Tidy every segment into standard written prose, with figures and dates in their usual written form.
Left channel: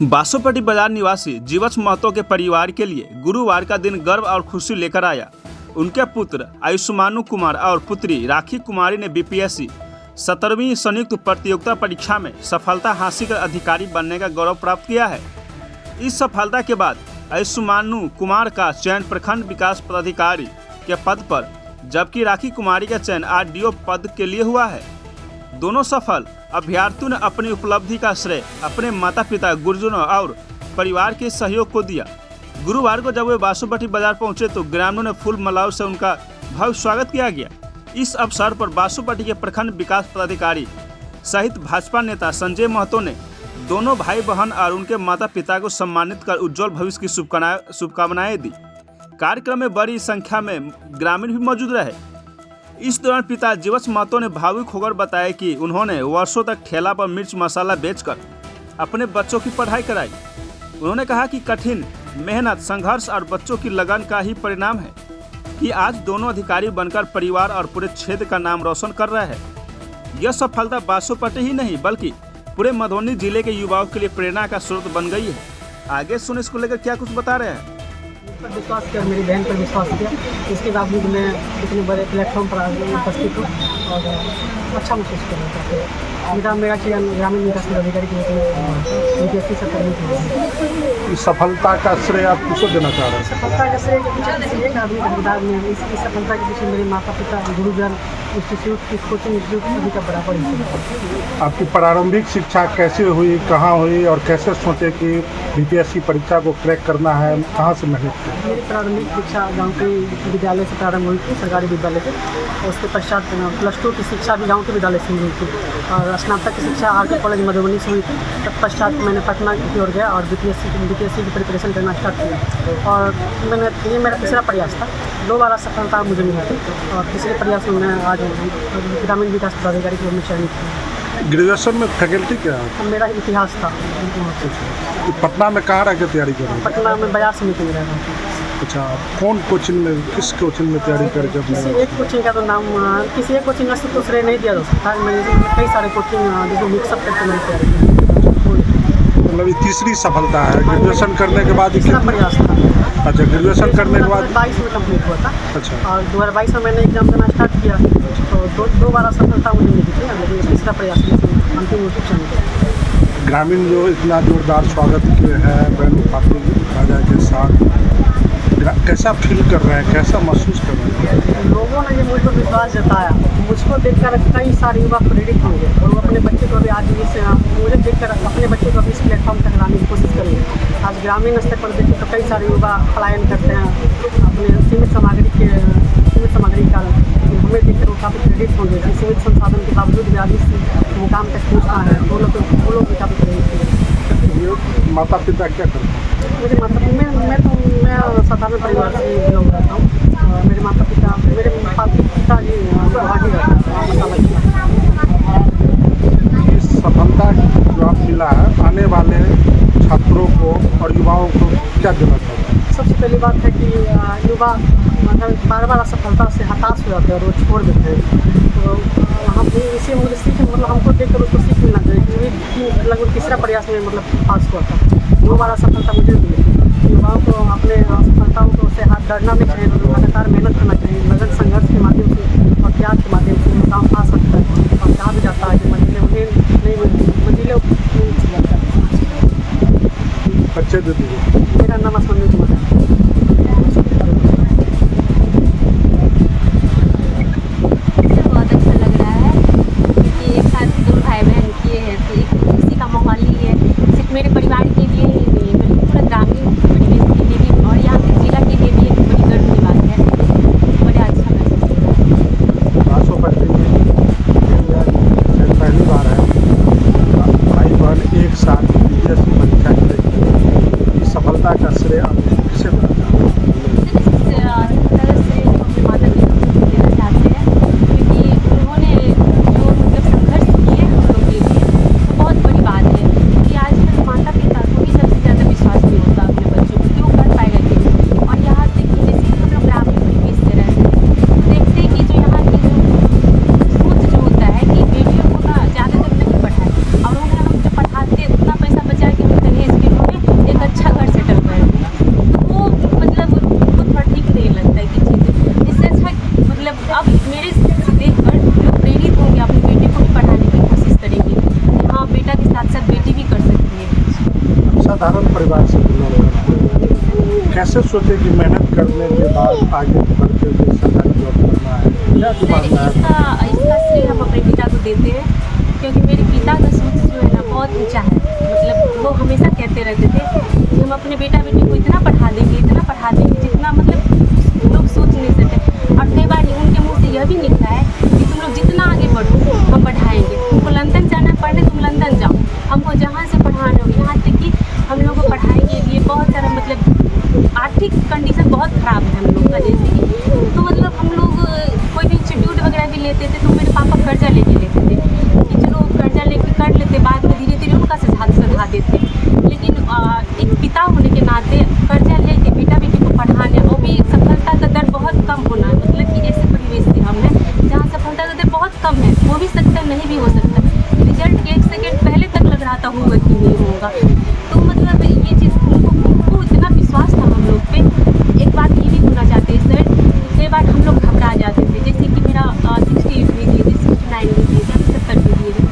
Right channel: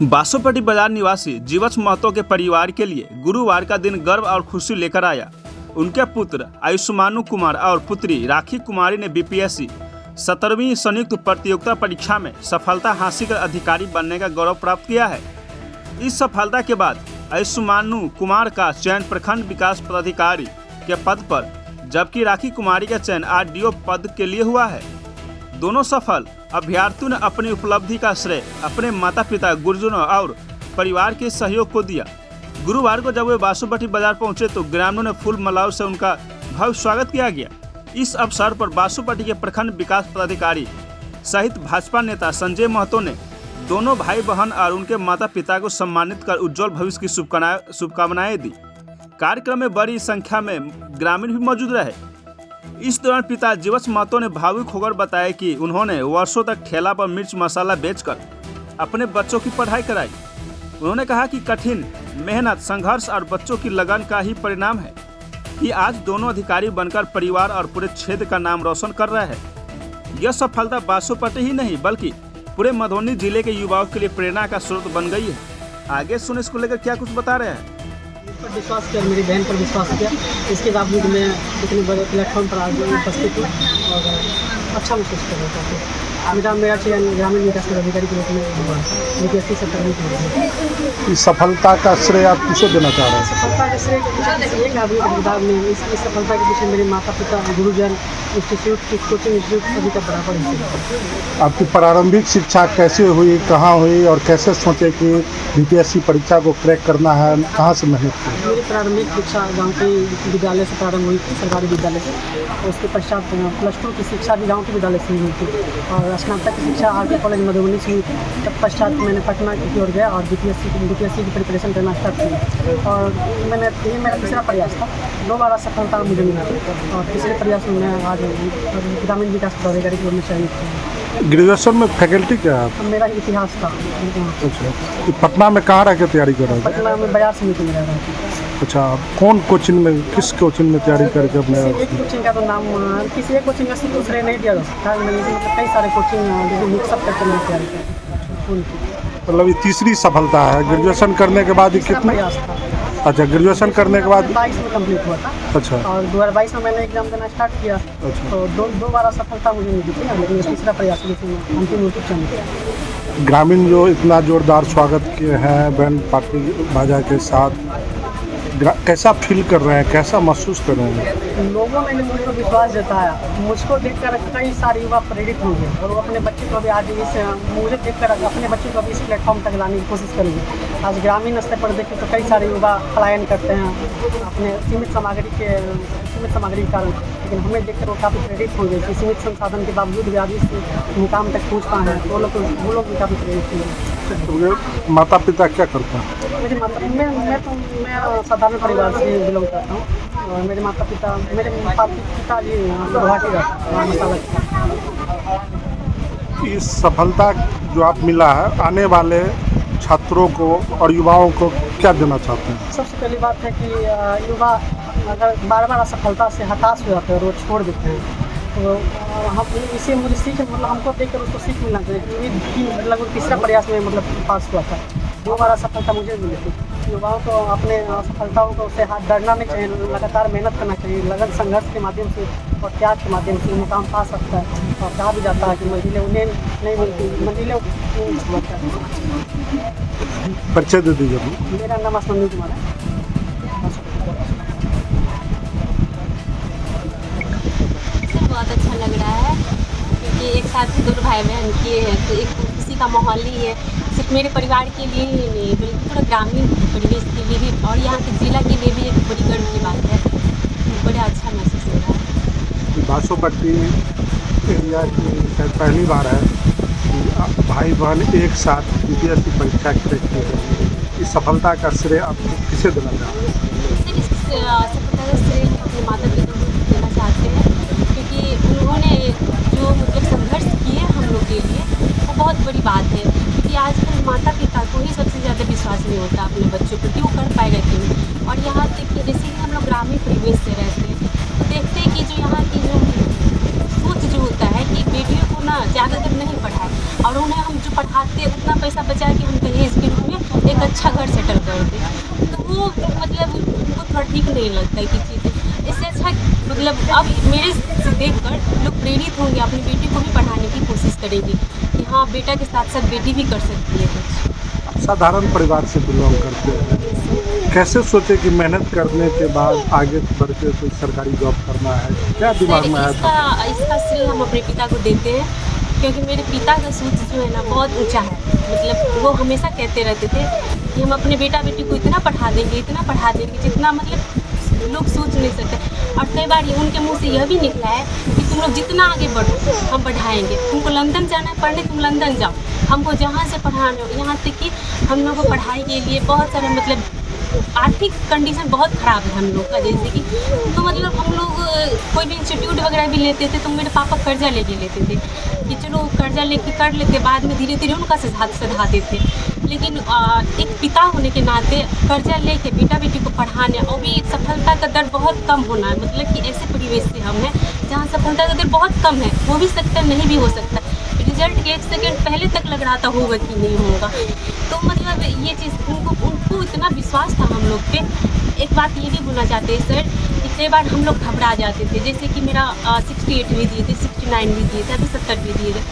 बासोपट्टी बाजार निवासी जीवछ महतो के परिवार के लिए गुरुवार का दिन गर्व और खुशी लेकर आया। उनके पुत्र आयुष्मानु कुमार और पुत्री राखी कुमारी ने बीपीएससी 17वीं संयुक्त प्रतियोगिता परीक्षा में सफलता हासिल कर अधिकारी बनने का गौरव प्राप्त किया है। इस सफलता के बाद आयुष्मानु कुमार का चयन प्रखंड विकास पदाधिकारी के पद पर, जबकि राखी कुमारी का चयन आरडीओ पद के लिए हुआ है। दोनों सफल अभ्यर्थियों ने अपनी उपलब्धि का श्रेय अपने माता पिता, गुरुजनों और परिवार के सहयोग को दिया। गुरुवार को जब वे बासोपट्टी बाजार पहुंचे तो ग्रामीणों ने फूल मालाओं से उनका भव्य स्वागत किया गया। इस अवसर पर बासोपट्टी के प्रखंड विकास पदाधिकारी सहित भाजपा नेता संजय महतो ने दोनों भाई बहन और उनके माता पिता को सम्मानित कर उज्जवल भविष्य की शुभकामनाएं दी। कार्यक्रम में बड़ी संख्या में ग्रामीण भी मौजूद रहे। इस दौरान पिता जीवछ महतो ने भावुक होकर बताया कि उन्होंने वर्षों तक ठेला पर मिर्च मसाला बेचकर अपने बच्चों की पढ़ाई कराई। उन्होंने कहा कि कठिन मेहनत, संघर्ष और बच्चों की लगन का ही परिणाम है कि आज दोनों अधिकारी बनकर परिवार और पूरे क्षेत्र का नाम रोशन कर रहे हैं। यह सफलता बासोपट्टी ही नहीं बल्कि पूरे मधुबनी जिले के युवाओं के लिए प्रेरणा का स्रोत बन गई है। आगे सुन इसको लेकर क्या कुछ बता रहे हैं। पर विश्वास किया, मेरी बहन पर विश्वास किया, इसके बावजूद मैं इतने बड़े प्लेटफॉर्म पर आज उपस्थित हूँ और अच्छा महसूस कर रहा हूँ। मेरा चयन ग्रामीण विकास पदाधिकारी के रूप में हुआ था। बीपीएससी 17वीं इस सफलता का श्रेय आप किसे देना चाह रहे हैं? सफलता के श्रेय के पीछे एक आदमी का किरदार नहीं है। इस सफलता के पीछे मेरे माता पिता, गुरुजन, इंस्टीट्यूट की कोचिंग इंस्टीट्यूट सभी का बराबर हिस्सा। आपकी प्रारंभिक शिक्षा कैसे हुई, कहाँ हुई और कैसे सोचे कि बीपीएससी परीक्षा को क्रैक करना है, कहाँ से मेहनत की? मेरी प्रारंभिक शिक्षा गांव के विद्यालय से प्रारंभ हुई थी, सरकारी विद्यालय से। उसके पश्चात +2 की शिक्षा भी गाँव के विद्यालय से हुई थी और स्नातक की शिक्षा आरके कॉलेज मधुबनी से हुई थी। तब पश्चात मैंने पटना की ओर गया और बीपीएससी की प्रिपरेशन करना स्टार्ट किया और ये मेरा तीसरा प्रयास था। 2 बार सफलता मुझे मिली थी और तीसरे प्रयास में मैं आज ग्रामीण विकास पदाधिकारी के रूप में चयनित हूँ। ग्रेजुएशन में फैकल्टी क्या है? मेरा इतिहास था। अच्छा, पटना में कहाँ रह के तैयारी कर रहे हैं? पटना में बाजार समिति में रह रहा हूँ। अच्छा, कौन कोचिंग में, किस कोचिंग में तैयारी करके अपने? किसी एक कोचिंग का तो नाम, किसी एक कोचिंग का तो श्रेय नहीं दिया जा सकता। मैंने कई सारे कोचिंग जिसमें मिक्सअप करके मैंने तैयारी की। मतलब ये तीसरी सफलता है ग्रेजुएशन करने के बाद? तीसरा प्रयास था। अच्छा, ग्रेजुएशन करने के बाद 2022 में कंप्लीट हुआ था। अच्छा, और 2022 में मैंने एग्जाम देना स्टार्ट किया। अच्छा। तो दो बार सफलता मुझे मिली थी, लेकिन ये तीसरा प्रयास में अंतिम रूप से चयनित। ग्रामीण जो इतना जोरदार स्वागत किए हैं बैंड पार्टी बाजा के साथ, कैसा फील कर रहे हैं, कैसा महसूस कर रहे हैं? लोगों ने मुझ पर विश्वास जताया। मुझको देखकर कई सारे युवा प्रेरित होंगे और वो अपने बच्चे को भी आज मुझे देखकर अपने बच्चे को भी इस प्लेटफॉर्म तक लाने की कोशिश करेंगे। आज ग्रामीण स्तर पर देखें तो कई सारे युवा पलायन करते हैं अपने सीमित सामग्री के कारण, लेकिन हमें देखकर वो काफ़ी प्रेरित होंगे कि सीमित संसाधन के बावजूद भी आज इस मुकाम तक पहुँचता है। वो लोग भी काफ़ी प्रेरित होंगे। माता पिता क्या करते हैं? मुझे मैं साधारण परिवार से बिलोंग करता हूँ और मेरे माता पिता, मेरे पिताजी गुवाहाटी रहते हैं, मसाला। इस सफलता जो आप मिला है, आने वाले छात्रों को और युवाओं को क्या देना चाहते हैं? सबसे पहली बात है कि युवा मतलब बार असफलता से हताश हो जाते हैं और वो छोड़ देते हैं। तो हम इसे मुझे मतलब हमको देखकर उसको सीख मिलना चाहिए क्योंकि लगभग तीसरा प्रयास में पास हुआ था। 2 बार असफलता मुझे मिली थी। युवाओं को अपने असफलताओं को से हाथ डरना नहीं चाहिए, लगातार मेहनत करना चाहिए। लगन संघर्ष के माध्यम से और त्याग के माध्यम से मुकाम पा सकता है। और कहा भी जाता है कि मंजिलें उन्हें नहीं मिलती, मंजिलें परिचय दे दीजिए। मेरा नाम आयुष्मानु कुमार है। बहुत अच्छा लग रहा है क्योंकि एक साथ ही 2 भाई बहन किए हैं तो एक खुशी का माहौल ही है। सिर्फ मेरे परिवार के लिए ही नहीं बल्कि पूरा ग्रामीण परिवेश के लिए भी और यहाँ के जिला के लिए भी एक बड़ी गर्व की बात है। बड़ा अच्छा महसूस हो रहा है। बासोपट्टी एरिया में पहली बार है भाई बहन एक साथ बीपीएससी परीक्षा की। इस सफलता का श्रेय आप किसे देना चाहते हैं? सफलता का श्रेय अपने माता पिता को देना चाहते हैं क्योंकि उन्होंने जो संघर्ष किए हम लोग के लिए वो बहुत बड़ी बात है। क्योंकि आजकल माता पिता को ही सबसे ज़्यादा विश्वास नहीं होता अपने बच्चों पर कि वो कर पाएगा कि नहीं। और यहाँ तक कि जैसे कि हम लोग ग्रामीण परिवेश से रहते हैं तो देखते हैं कि जो यहाँ की जो सोच जो होता है कि बेटियों को ना ज़्यादातर नहीं पढ़ाए और उन्हें हम जो पढ़ाते उतना पैसा बचा कि हम दहेज के मतलब अब मेरे से देखकर लोग प्रेरित होंगे, अपनी बेटी को भी पढ़ाने की कोशिश करेंगे कि हाँ बेटा के साथ साथ बेटी भी कर सकती है कुछ। साधारण परिवार से बिलोंग करते हैं, कैसे सोचे कि मेहनत करने के बाद आगे बढ़ के कोई सरकारी जॉब करना है, क्या दिमाग में है? इसका श्रेय हम अपने पिता को देते हैं, क्योंकि मेरे पिता का सोच जो है ना बहुत ऊंचा है। मतलब वो हमेशा कहते रहते थे कि हम अपने बेटा बेटी को इतना पढ़ा देंगे जितना मतलब लोग सोच नहीं सकते। और कई बार उनके मुंह से यह भी निकला है कि तुम लोग जितना आगे बढ़ो हम बढ़ाएंगे, तुमको लंदन जाना है पढ़ने तुम लंदन जाओ, हमको जहाँ से पढ़ाना हो। यहाँ तक कि हम लोग को पढ़ाई के लिए बहुत सारा मतलब आर्थिक कंडीशन बहुत ख़राब है हम लोग का, जैसे कि तो मतलब हम लोग कोई भी इंस्टीट्यूट वगैरह भी लेते थे तो मेरे पापा कर्जा लेके लेते थे कि चलो कर्जा लेके कर लेते, बाद में धीरे धीरे उनका सधा देते। लेकिन एक पिता होने के नाते कर्जा लेके बेटा बेटी को पढ़ाने और भी सफलता का दर बहुत कम होना है। मतलब कि ऐसे परिवेश से हम हैं जहाँ सफलता का दर बहुत कम है, हो भी सकता है नहीं भी हो सकता, रिजल्ट के 1 सेकंड पहले तक लग रहा था होगा कि नहीं होगा। तो मतलब ये चीज़ उनको इतना विश्वास था हम लोग पे। एक बात ये भी बोलना चाहते हैं सर कि कई बार हम लोग घबरा जाते थे, जैसे कि मेरा 68 भी दिए थे, 69 भी दिए थे, अभी 70 भी दिए थे।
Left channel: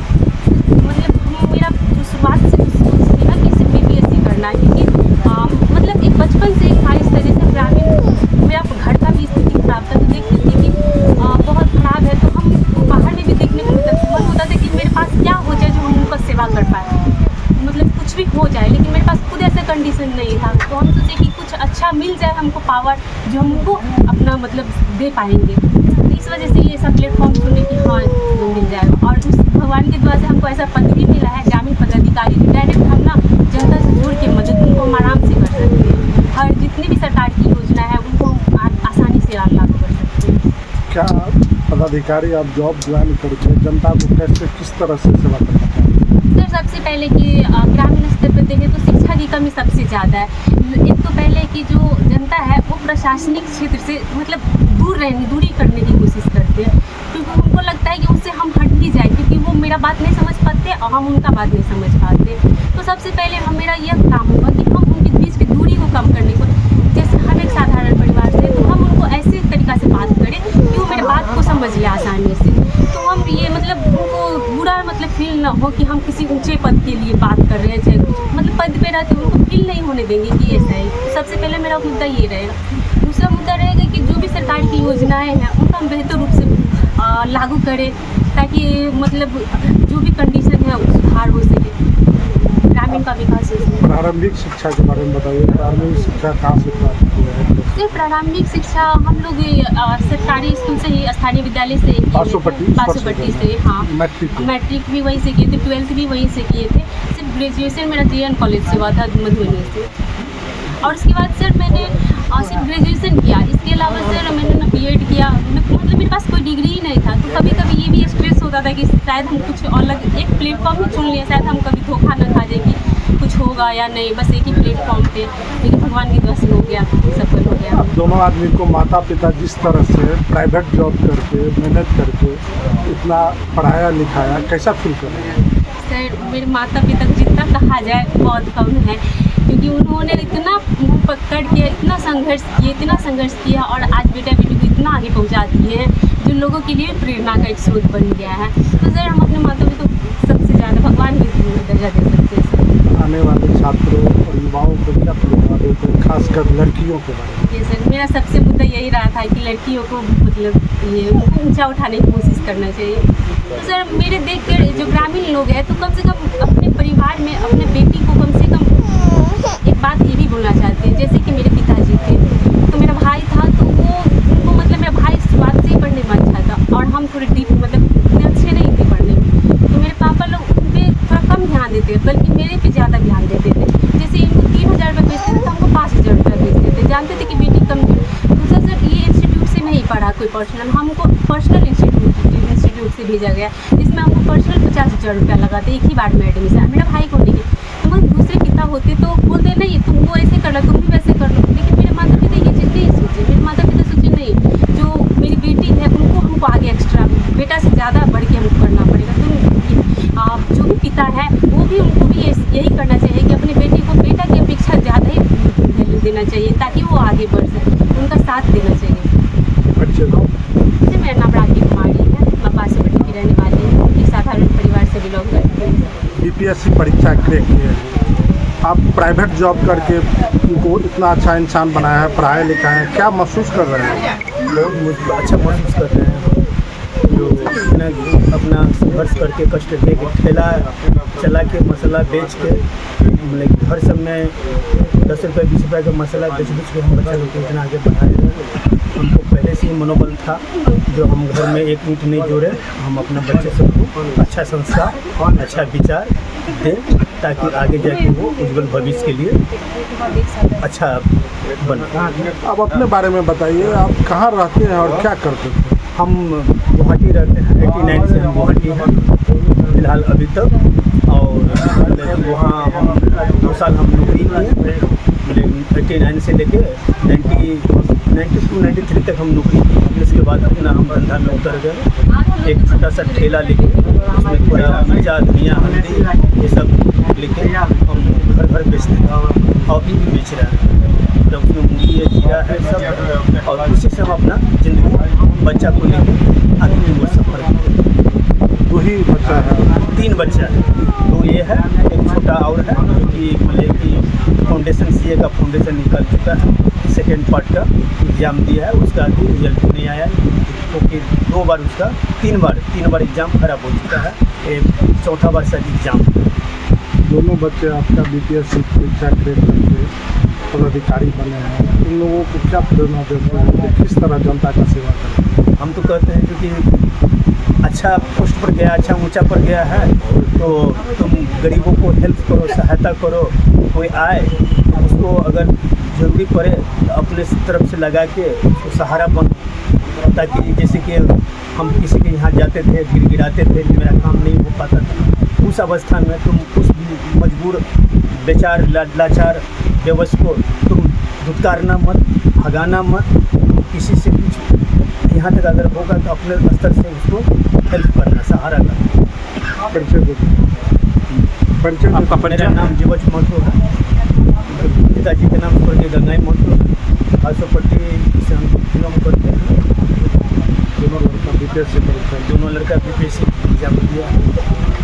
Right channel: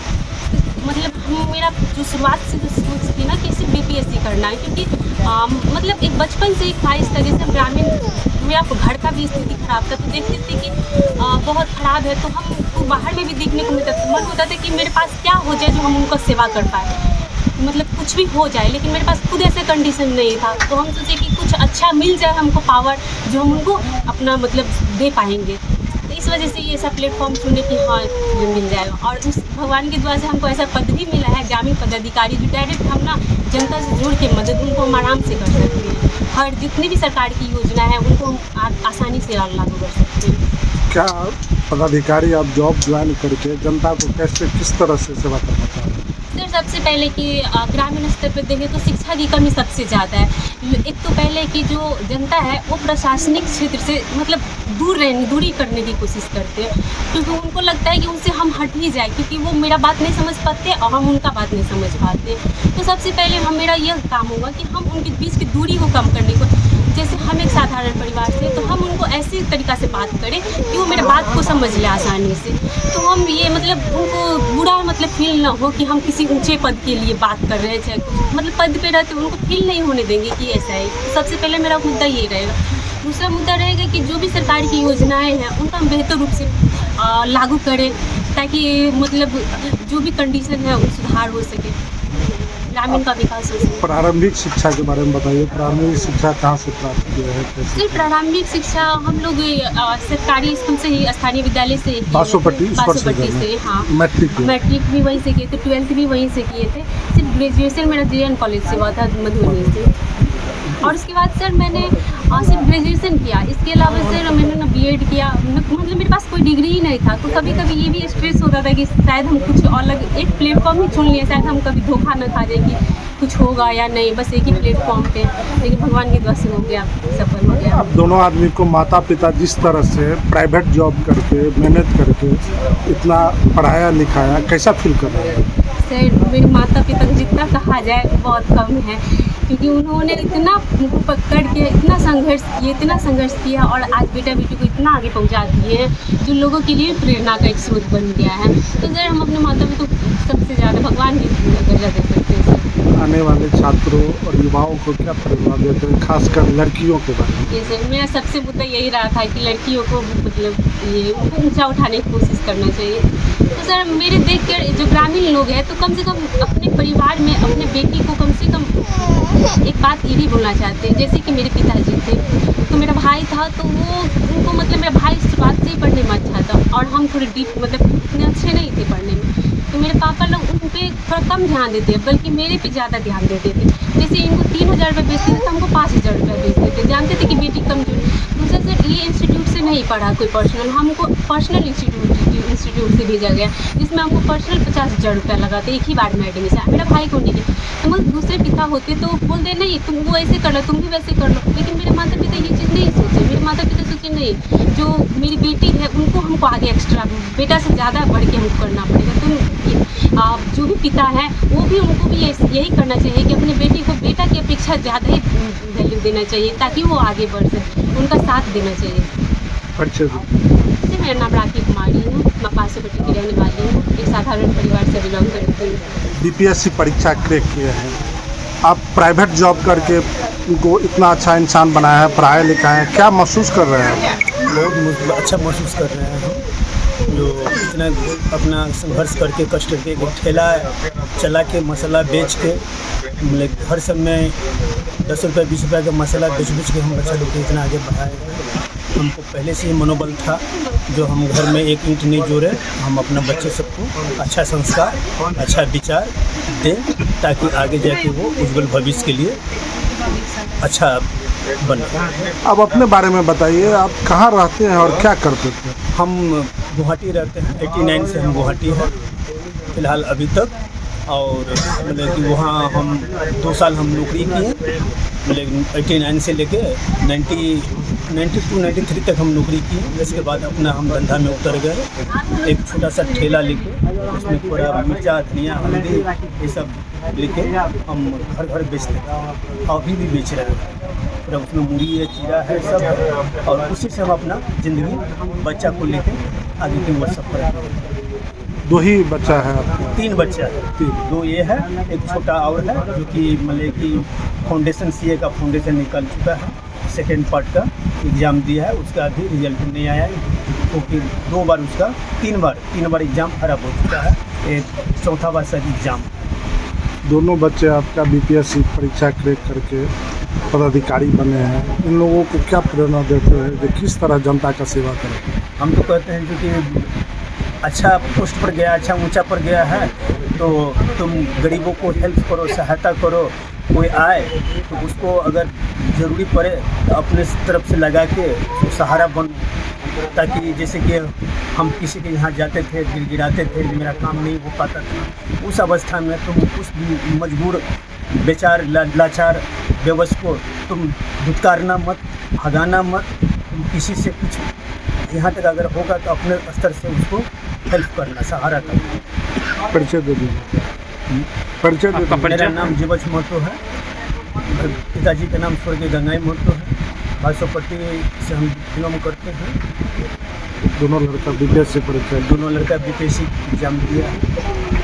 तो मतलब मेरा जो शुरुआत से जो सोच थी ना कि सिर्फ BPSC करना है, क्योंकि मतलब एक बचपन से एक ख्वाहिश था। जैसे ग्रामीण मेरा घर का भी स्थिति खराब था, तो देखते थे कि बहुत ख़राब है, तो हमको बाहर में भी देखने को मिलता था। मन होता था कि मेरे पास क्या हो जाए जो हम उनका सेवा कर पाए, मतलब कुछ भी हो जाए, लेकिन मेरे पास खुद ऐसा कंडीशन नहीं था। तो हम सोचे कि कुछ अच्छा मिल जाए हमको पावर जो हम उनको अपना मतलब दे पाएंगे। तो इस वजह से ये सब प्लेटफॉर्म चुने कि हाँ जो मिल जाएगा। और उस भगवान की दुआ से हमको ऐसा पद भी मिला है ग्रामीण पदाधिकारी, जो डायरेक्ट हम ना जनता से जुड़ के मदद उनको हम आराम से कर सकते हैं। हर जितनी भी सरकार की योजना है उनको हम आसानी से लागू कर सकते हैं। क्या पदाधिकारी आप जॉब ज्वाइन करके जनता को कैसे किस तरह से सेवा करना चाहते हैं? सर सबसे पहले कि ग्रामीण स्तर पर देखें तो शिक्षा की कमी सबसे ज़्यादा है। एक तो पहले कि जो जनता है वो प्रशासनिक क्षेत्र से मतलब दूरी करने की कोशिश करते हैं, क्योंकि उनको लगता है कि उनसे हम हट ही जाए, क्योंकि वो मेरा बात नहीं समझ पाते और हम उनका बात नहीं समझ पाते। तो सबसे पहले मेरा यह काम होगा कि हम उनके बीच की दूरी को कम करने को, जैसे हम एक साधारण परिवार से, तो हम उनको ऐसे तरीक़ा से बात करें कि वो मेरे बात को समझ ले आसानी से। तो हम ये मतलब उनको बुरा मतलब फील ना हो कि हम किसी ऊंचे पद के लिए बात कर रहे हैं, चाहे कुछ मतलब पद पे रहते उनको फील नहीं होने देंगे कि ऐसा है। तो सबसे पहले मेरा मुद्दा ये रहेगा। दूसरा मुद्दा रहेगा कि जो भी सरकार की योजनाएं हैं उनका हम बेहतर रूप से लागू करें, ताकि मतलब जो भी कंडीशन है वो सुधार हो सके, ग्रामीण का विकास हो सके। प्रारंभिक शिक्षा के बारे में बताइए, प्रारंभिक शिक्षा कहाँ से प्राप्त की है? सर प्रारंभिक शिक्षा हम लोग सरकारी स्कूल से ही, स्थानीय विद्यालय से बासोपट्टी से, हाँ मैट्रिक भी वहीं से किए थे, 12th भी वहीं से किए थे। सिर्फ ग्रेजुएशन मेरा JN कॉलेज से हुआ था मधुबनी से। और उसके बाद सर मैंने सिर्फ ग्रेजुएशन किया, इसके अलावा सर मैंने ना BEd किया। मतलब मेरे पास कोई डिग्री ही नहीं था, तो कभी कभी ये भी स्ट्रेस होता था कि शायद हम कुछ अलग एक प्लेटफॉर्म ही चुन लिए, शायद हम कभी धोखा न खा जाए कि कुछ होगा या नहीं, बस एक ही प्लेटफॉर्म पे। लेकिन भगवान की दुआ से हो गया, सफल हो गया। दोनों आदमी को माता पिता जिस तरह से प्राइवेट जॉब करके मेहनत करके इतना पढ़ाया लिखाया, कैसा फील कर रहे हैं? सर मेरे माता पिता को जितना कहा जाए बहुत कम है, क्योंकि उन्होंने इतना पकड़ के इतना संघर्ष किया और आज बेटा बेटी को इतना आगे पहुंचा दिए हैं जो लोगों के लिए प्रेरणा का एक स्रोत बन गया है। तो सर हम अपने माता पिता को सबसे ज़्यादा भगवान की दर्जा दे सकते हैं सर। आने वाले छात्रों और युवाओं को क्या प्रेरणा देते हैं, खासकर लड़कियों के बारे में? ये सर मेरा सबसे मुद्दा यही रहा था कि लड़कियों को मतलब ये उनको ऊँचा उठाने की कोशिश करना चाहिए। तो सर मेरे देख कर जो ग्रामीण लोग हैं तो कम से कम अपने परिवार में अपने बेटी को कम से कम एक बात ये भी बोलना चाहते हैं। जैसे कि मेरे पिताजी थे तो मेरा भाई था, तो वो उनको मतलब मेरा भाई शुरुआत से ही पढ़ने में अच्छा था और हम थोड़े डीप मतलब इतने अच्छे नहीं थे पढ़ने में, तो मेरे पापा लोग उन पर थोड़ा कम ध्यान देते, बल्कि मेरे पे ज़्यादा ध्यान देते थे। जैसे इनको 3000 रुपये भेजते थे तो हमको 5000 रुपये भेजते थे, जानते थे कि बेटी कमजोर। दूसरा सर ये इंस्टीट्यूट से नहीं पढ़ा कोई पर्सनल, हमको पर्सनल इंस्टीट्यूट से भेजा गया, जिसमें हमको पर्सनल 50,000 रुपया लगा था एक ही बार में एडमिशन। मेरा भाई को नहीं दिया, तो मतलब दूसरे पिता होते तो बोलते नहीं तुम वो ऐसे कर लो, तुम भी वैसे कर लो। लेकिन मेरे माता पिता ये चीज़ नहीं सोचे, मेरे माता पिता सोचे नहीं जो मेरी बेटी है उनको हमको आगे एक्स्ट्रा बेटा से ज़्यादा बढ़ के हमको करना पड़ेगा। तो जो भी पिता है वो भी उनको भी यही करना चाहिए कि अपने बेटी को बेटा की अपेक्षा ज़्यादा ही वैल्यू देना चाहिए ताकि वो आगे बढ़ सके, उनका साथ देना चाहिए। परिचय दो। जी, मेरा नाम राखी कुमारी है, मैं पासोपट्टी की रहने वाली हूँ, एक साधारण परिवार से बिलोंग करती हूँ। बीपीएससी परीक्षा क्रैक किए हैं आप, प्राइवेट जॉब करके उनको इतना अच्छा इंसान बनाया है, पढ़ाया लिखा है, क्या महसूस कर रहे हैं? बहुत अच्छा महसूस कर रहे हैं हम, जो इतना अपना संघर्ष करके कष्ट करके ठेला चला के मसाला बेच के, मतलब हर समय 10 रुपये 20 रुपये का मसाला बेच के हम बच्चा लोग को इतना आगे बढ़ाए हैं। हमको पहले से ही मनोबल था, जो हम घर में एक ईंट नहीं जोड़े, हम अपना बच्चे सबको अच्छा संस्कार अच्छा विचार दें, ताकि आगे जाके वो उज्जवल भविष्य के लिए अच्छा बने। अब अपने बारे में बताइए, आप कहाँ रहते हैं और क्या करते हैं? हम गुवाहाटी रहते हैं, 89 से हम गुवाहाटी हैं फ़िलहाल अभी तक, और मतलब कि वहाँ हम 2 साल हम नौकरी किए, मतलब 89 से लेके 92-93 तक हम नौकरी की। इसके बाद अपना हम धंधा में उतर गए, एक छोटा सा ठेला लेके उसमें थोड़ा मिर्चा धनिया हल्दी ये सब लेके हम घर घर बेचते थे, और अभी भी बेच रहे हैं। तो उसमें मूली है, जीरा है, सब है, और उसी से हम अपना ज़िंदगी बच्चा को लेके आगे की ओर सफ़र करते। 2 ही बच्चा है? 3 बच्चा है, 2 ये है, एक छोटा और है जो कि मतलब कि फाउंडेशन CA का फाउंडेशन निकल चुका है, सेकेंड पार्ट का एग्ज़ाम दिया है, उसका अभी रिजल्ट नहीं आया है, क्योंकि 2 बार उसका 3 बार एग्ज़ाम खराब हो चुका है, ये 4था बार शायद एग्ज़ाम। दोनों बच्चे आपका बीपीएससी परीक्षा क्रैक करके पदाधिकारी बने हैं, इन लोगों को क्या प्रेरणा देते हैं कि किस तरह जनता का सेवा करें? हम तो कहते हैं क्योंकि अच्छा पोस्ट पर गया, अच्छा ऊंचा पर गया है, तो तुम गरीबों को हेल्प करो, सहायता करो, कोई आए तो उसको अगर ज़रूरी पड़े तो अपने तरफ से लगा के उसको सहारा बनो, ताकि जैसे कि हम किसी के यहाँ जाते थे, गिड़गिड़ाते थे, मेरा काम नहीं हो पाता था, उस अवस्था में तुम उस मजबूर बेचार लाचार बेबस को तुम धुतकारना मत, भगाना मत, किसी से कुछ यहाँ तक अगर होगा तो अपने स्तर से उसको हेल्प करना, सहारा करना। परिचय दे परिचय आपका? मेरा नाम जीवच महतो है, पिताजी के नाम स्वर्गीय गंगाई महतो है, पासोपट्टी से हम बिलोंग करते हैं। दोनों लड़का बीपीएससी परीक्षा? दोनों लड़का बीपीएससी एग्जाम दिया है।